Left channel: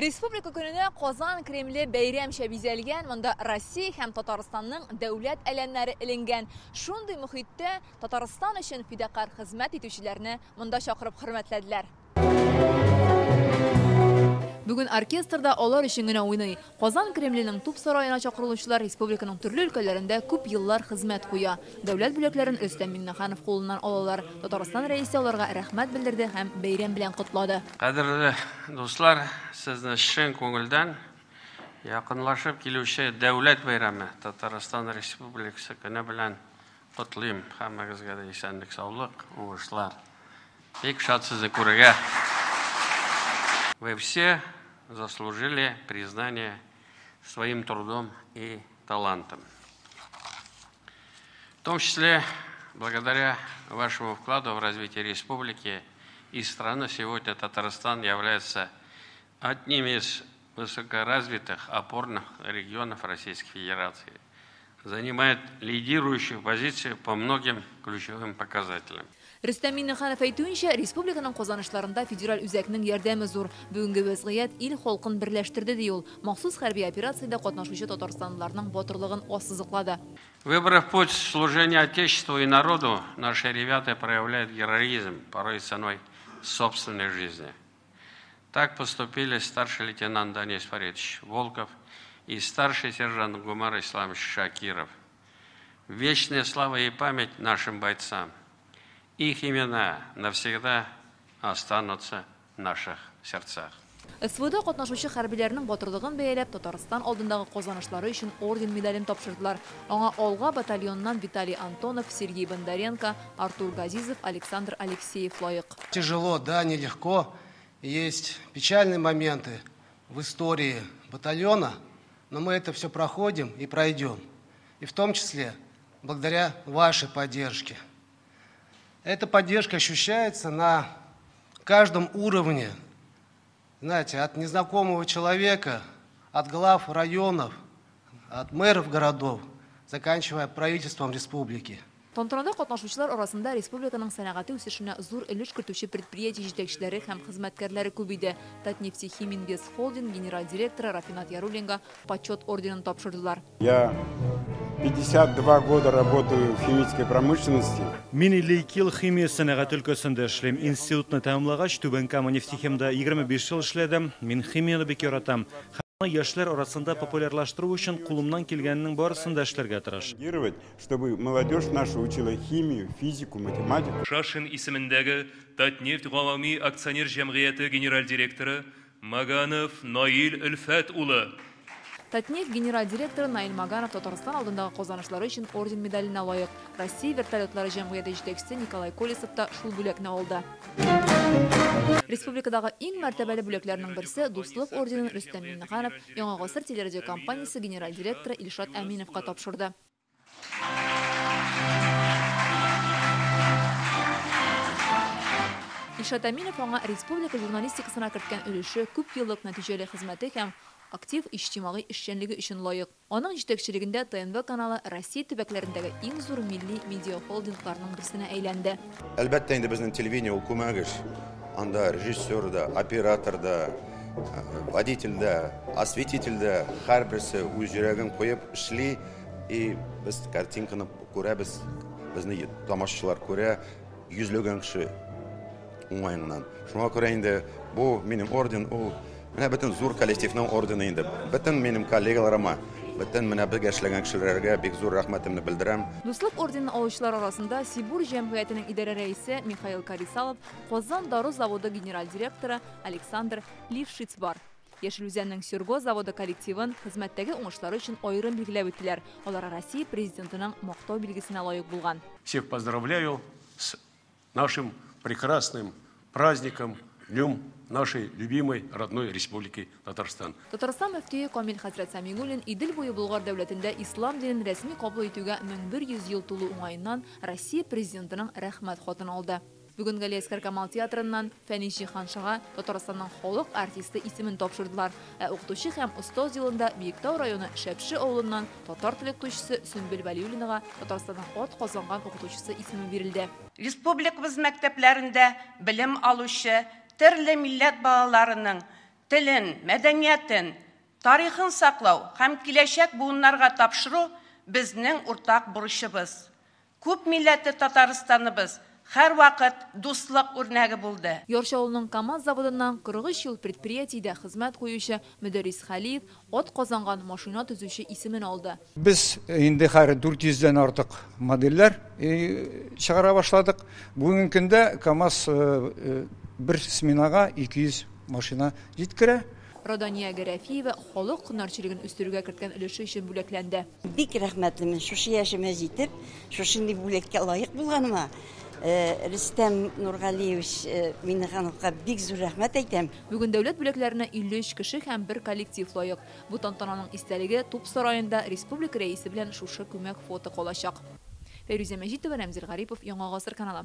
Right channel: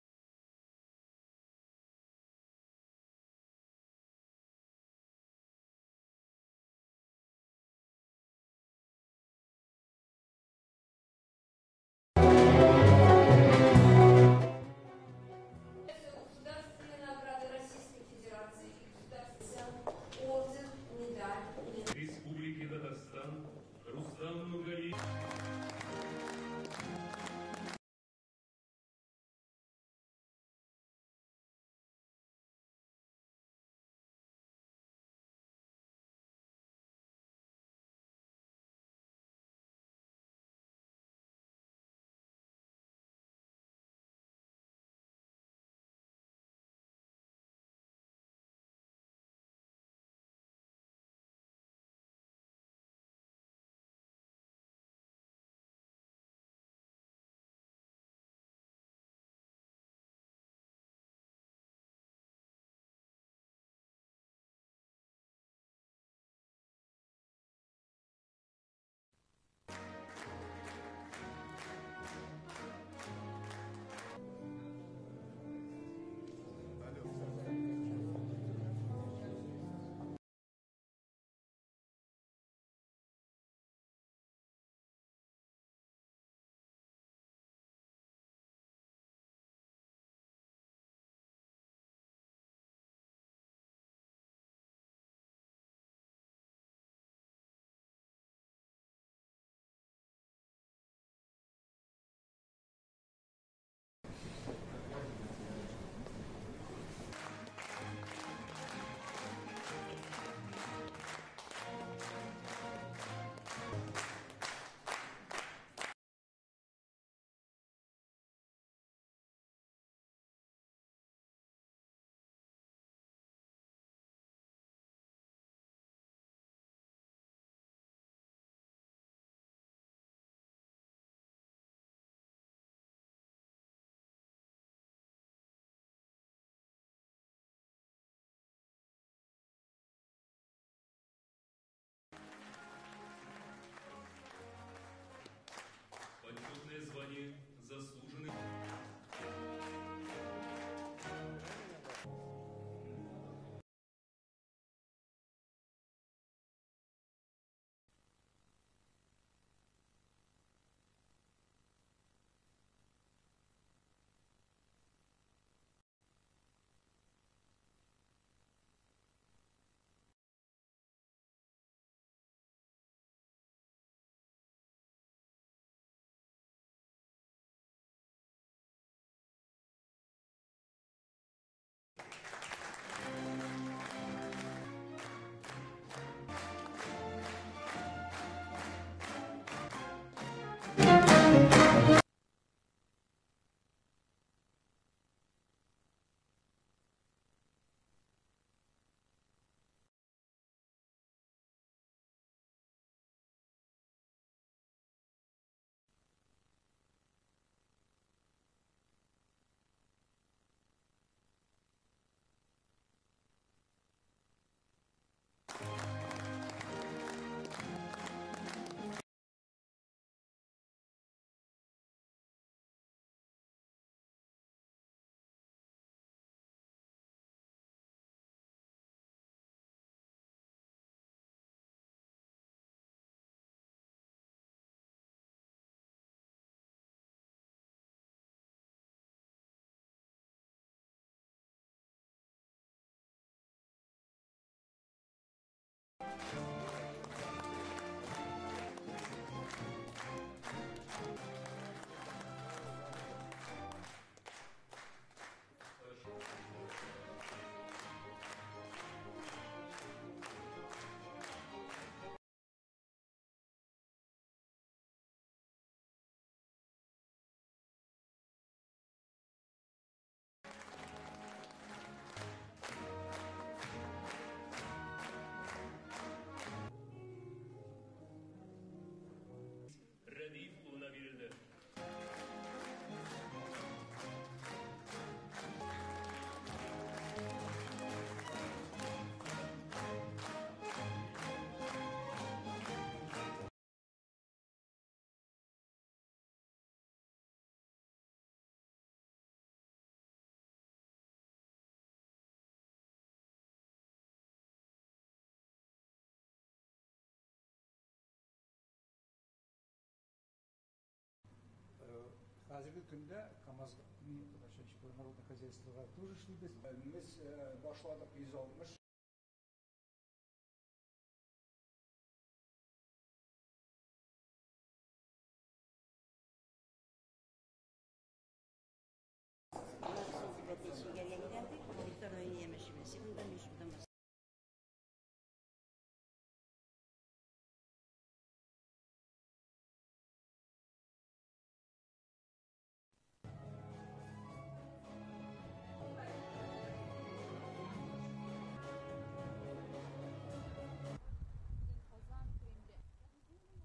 Республика көненә Казан Кремле бәйрәмчә бизәлгән, монда Россия һәм Татарстанның дәүләт әләннәре эленгән. Шундый мөхиттә Татарстан өчен фидакар хезмәт итүчеләрне монда чакырып хөрмәтләделәр. Бүген оркестрда алар өчен генә уйный. Казан Кремленең туп сараена чакырылучылар республиканың төрле өлкәләрендә күп еллар хезмәт куя. Дәүләт бүләкләрен Рөстәм Миннеханов кулыннан алалар. Татарстан рәисе аларга рәхмәт белдерде һәм бәйрәм белән котлады. Кадерле дуслар, сезне чын күңелдән якынлашып килүче дәүләт бәйрәме Татарстан Республикасы көне белән котлыйм. Һәммәгезгә дә исәнлек, саулык, уңышлар. Бик шат сезне күрергә. Вы все заслужили признание своим трудом и талантом. В том числе, благодаря вашему вкладу в развитие республики и страны, сегодня Татарстан является одним из высокоразвитых опорных регионов Российской Федерации. Занимает лидирующую позицию по многим ключевым показателям. Рөстәм Миннеханов әйтүенчә, республиканың казанышларында федераль үзәкнең ярдәме зур. Бүгенге вазгыять ил халкын берләштерде ди ул. Махсус хәрби операциядә катнашучы татарстанлыларның батырлыгын ассызыклады. Выбрав путь служения Отечеству и народу, наши ребята проявляют героизм, порой ценой собственной жизни. Так поступили старший лейтенант Денис Фаридович Волков и старший сержант Гумар Исламович Шакиров. Вечная слава и память нашим бойцам. Их имена навсегда останутся в наших сердцах. СВОда катнашучы хәрбиләрнең батырлыгын бәяләп, Татарстан алдындагы казанышлары өчен орден медален тапшырдылар. Аңа Алга батальоннан Виталий Антонов, Сергей Бондаренко, Артур Газизов, Александр Алексеев лайык. Тяжело, да, нелегко. Есть печальные моменты в истории батальона, но мы это все проходим и пройдем. И в том числе благодаря вашей поддержке. Эта поддержка ощущается на каждом уровне, знаете, от незнакомого человека, от глав районов, от мэров городов, заканчивая правительством республики. Тантанада катнашучылар арасында республиканың сәнәгате үсешенә зур өлеш кертүче предприятие җитәкчеләре һәм хезмәткәрләре күп иде. Татнефтехиминвест холдинг генераль директоры Рафинат Яруллинга почет орденын тапшырдылар. Я 52 года работаю в химической промышленности. Мин 52 ел химия сәнәгать өлкәсендә эшлим. Институтны тәмамлагач, Түбән Кама нефтехимда 25 ел эшләдем. Мин химияны бик яратам. Яшьләр арасында популярлаштыру өчен кулымнан килгәннең барысын да эшләргә тырыш. Чтобы молодежь наша учила химию, физику, математику. Шашин исемендәге Татнефть гамәми акционер җәмгыяте генераль директоры Маганов Наил Өлфәт улы. Татнефть генераль директоры Наил Маганов Татарстан алдындагы казанышлары өчен орден медаленә лайык. Россия вертолетлары җәмгыяте җитәкчесе Николай Колесов та шул бүләкне алды. Республикадагы иң мәртәбәле бүләкләрнең берсе Дуслык орденын Рөстәм Миннеханов Яңа гасыр телерадио компаниясе генераль директоры Илшат Әминовка тапшырды. Илшат Әминов аңа республика журналистикасына керткән өлеше, күп еллык нәтиҗәле хезмәте һәм актив иҗтимагый эшчәнлеге өчен лаек. Аның җитәкчелегендә ТНВ каналы Россия төбәкләрендәге иң зур милли медиа холдингларның берсенә әйләнде. Әлбәттә инде безнең телевидение ул күмәгеш. Анда режиссер да, оператор да, водитель да, осветитель да, һәрберсе үз йөрәген куеп эшли и без картинканы күрәбез, безне тамашачылар күрә, йөзләгән кеше уңайыннан. Шуңа күрә инде бу минем орден, ул менә бөтен зур коллективның ордены инде. Бөтен минем коллегаларыма, бөтен менә бергә эшләгән кешеләргә бик зур рәхмәтемне белдерәм. Дуслык орденын алучылар арасында Сибур җәмгыятенең идарә рәисе Михаил Карисалов, Казан Дару заводы генераль директоры Александр Лившиц бар. Яшел Үзәннең Сюрго заводы коллективын хезмәттәге уңышлары өчен аерым билгеләп үттеләр. Алар Россия президентының мактау билгесенә лаек булган. Всех поздравляю с нашим прекрасным праздником, днем нашей любимой родной республики Татарстан. Татарстан мөфтие Камил хәзрәт Сәмигуллин Идел буе Болгар дәүләтендә ислам динен рәсми кабул итүгә 1100 ел тулу уңаеннан Россия президентының рәхмәт хатын алды. Бүген Галиәскәр Камал театрыннан Фәнис Җиһаншыга Татарстанның халык артисты исемен тапшырдылар. Укытучы һәм устоз елында Биектау районы Шәпше авылыннан татар теле укытучысы Сөмбел Вәлиуллинага Татарстанның ат казанган укытучысы исеме бирелде. Республикабыз мәктәпләрендә белем алучы төрле милләт балаларының телен, мәдәниятен, тарихын саклау һәм киләчәк буыннарга тапшыру безнең уртак бурычыбыз. Күп милләтле Татарстаныбыз һәр вакыт дуслык үрнәге булды. Яршы авылының КАМАЗ заводыннан 43 ел предприятиедә хезмәт куючы Мөдәррис Хәлиев от казанган машина төзүче исемен алды. Без инде һәр 400-дән артык модельләр чыгара башладык. Бүгенге көндә КАМАЗ бер сменага 200 машина җиткерә. Радания Гәрәфиева халык һөнәрчелеген үстерүгә керткән өлеше өчен бүләкләнде. Бик рәхмәтлемен шушы яшемә җитеп, шушындый бүләккә лаек булганыма. Рөстәм Нургалиевич Миннехановка бик зур рәхмәт әйтәм. Бүген дәүләт бүләкләренә 53 кеше һәм бер коллектив лаек. Бу тантананың истәлеге Туп сараенда республика рәисе белән шушы күмәк фото калачак. Фәйрүзә Мәҗитова, Рамзил Гарипов, Яңа гасыр каналы.